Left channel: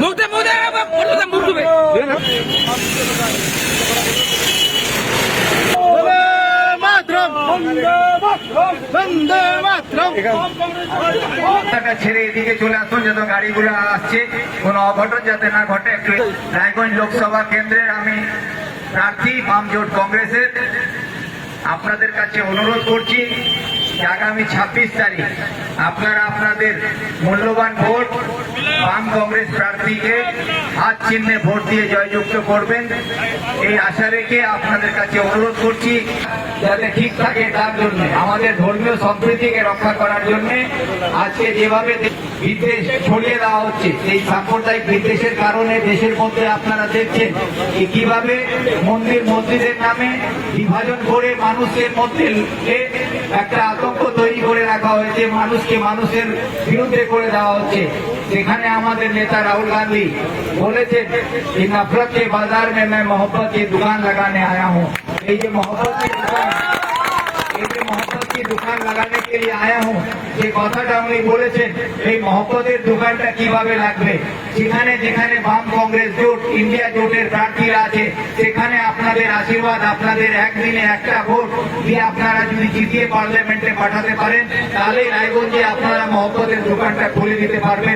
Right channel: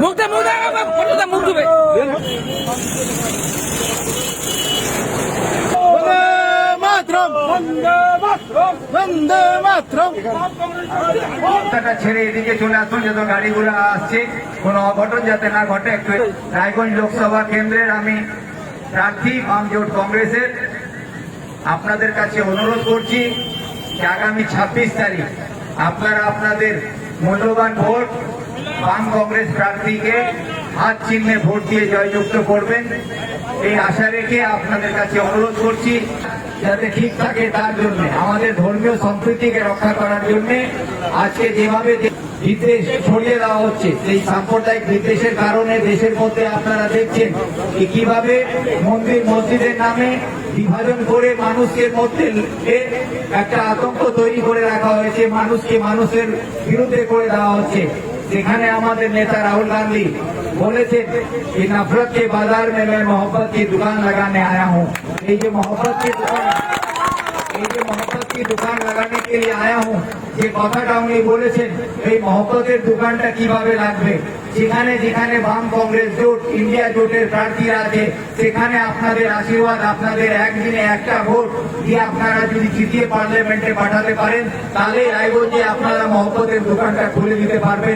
মুখ দেবে রাস্তাটা ছেড়ে এদিকে চলে আসুন গাড়িগুলো আসছে। কোনো অঘটন যাতে না ঘটে রায়গঞ্জ লোকসভা আমি কংগ্রেসের। আপনাদের কাছে অনুরোধ করছি আগামী ছাব্বিশ তারিখ আপনারা আপনাদের মূল্যবান ভোট বাম কংগ্রেস প্রার্থীকে হাত চিহ্নে ভোট দিয়ে জয়যুক্ত করবেন। এই আশা রেখে আপনাদের কাছে অনুরোধ করছি, যাতে ঠিক থাকে তার জন্য, আমাদের ধর্মীয় সম্প্রীতিকে রক্ষা করার জন্য আজকে যেভাবে বিদ্বেষ ছড়িয়ে দেওয়া হচ্ছে, সেই সাম্প্রদায়িক বিদ্বেষের কারণে দেশের মধ্যে আপনারা দেখছেন কীভাবে মন্দির মসজিদের নামে বিভাজন করে মানুষের মধ্যে এ- একটা আতঙ্ক তৈরি করে রাখা হয়েছে মানুষকে মানুষের বিরুদ্ধে করে দেওয়া হচ্ছে সেখানে আমাদের নেতা রাহুল গান্ধী বলেছেন कि नफरत के बाजार में मैं मोहब्बत की दुकान लगाने आया हूँ ये जो मोहब्बत की दुकान এই কি দোকান লাগানোর কে আয়া হুঁ যে কথাটা আপনি বলেছেন, এই মহব্বতের দোকানটা কীভাবে লাগবে? যেখানে যেখানে বাম কংগ্রেস জোট, ইন্ডিয়া জোটের প্রার্থী আছে, সেখানে আপনাদের আশীর্বাদ, আপনাদের একদিনে একটা ভোট দিয়ে আপনারা যদি জিতিয়ে পার্লামেন্টে পাঠাতে পারেন তাহলে রায়গঞ্জে আপনারা মহব্বতের দোকানটা খুলে দিতে পারবেন।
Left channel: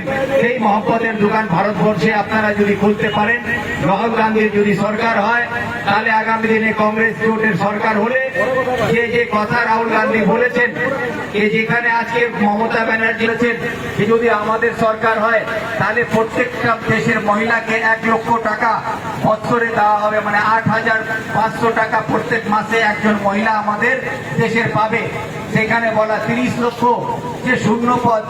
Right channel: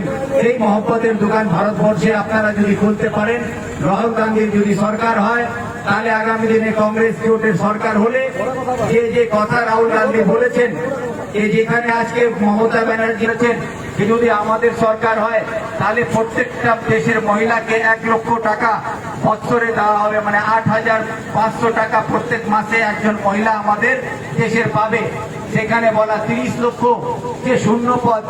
মহব্বতের দোকান ভারতবর্ষে আপনারা যদি খুলতে পারেন রাহুল গান্ধীর যদি সরকার হয়, তাহলে আগামী দিনে কংগ্রেস জোটের সরকার হলে যে যে কথা রাহুল গান্ধী বলেছেন যে যেখানে আজকে মমতা ব্যানার্জি যে যদি আমাদের সরকার হয়, তাহলে প্রত্যেকটা দেশের মহিলাকে এক লক্ষ টাকা বছরে দেওয়া হবে মানে আট হাজার পাঁচশো টাকা প্রত্যেক মাসে একজন মহিলা আমাদের দেশের পাবে। সেখানে বলা তিরিশ লক্ষ যে শূন্য পদ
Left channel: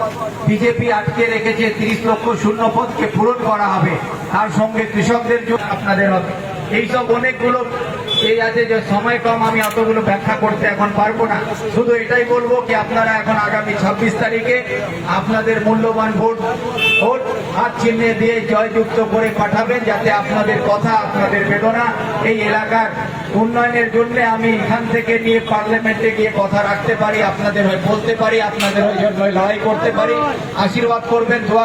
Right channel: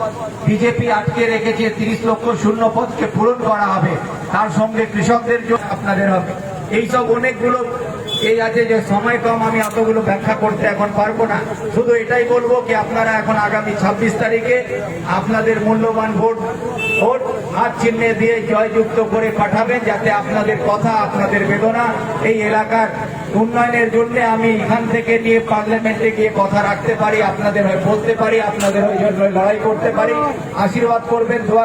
বিজেপি আটকে রেখেছে, তিরিশ লক্ষ শূন্য পদকে পূরণ করা হবে, তার সঙ্গে কৃষকদের জন্য আপনাদের হবে। এইসব অনেকগুলো এই আছে যে সময় কম, আমি এতগুলো ব্যাখ্যা করতে এখন পারব না। শুধু এটাই বলব কি আপনারা এখন আগামী ছাব্বিশ তারিখে আপনাদের মূল্যবান ভোট ভোট হাত চিহ্নে দিয়ে জয়যুক্ত করে পাঠাবেন যাতে আপনাদের কথা, আপনাদের বেদনা এই এলাকার উন্নয়নের জন্য আমি এখান থেকে নিয়ে পার্লামেন্টে গিয়ে কথা রাখতে পারি, আপনাদের হয়ে বলতে পারি, আপনাদের ওই লড়াই করতে পারি। আশীর্বাদ করবেন, দোয়া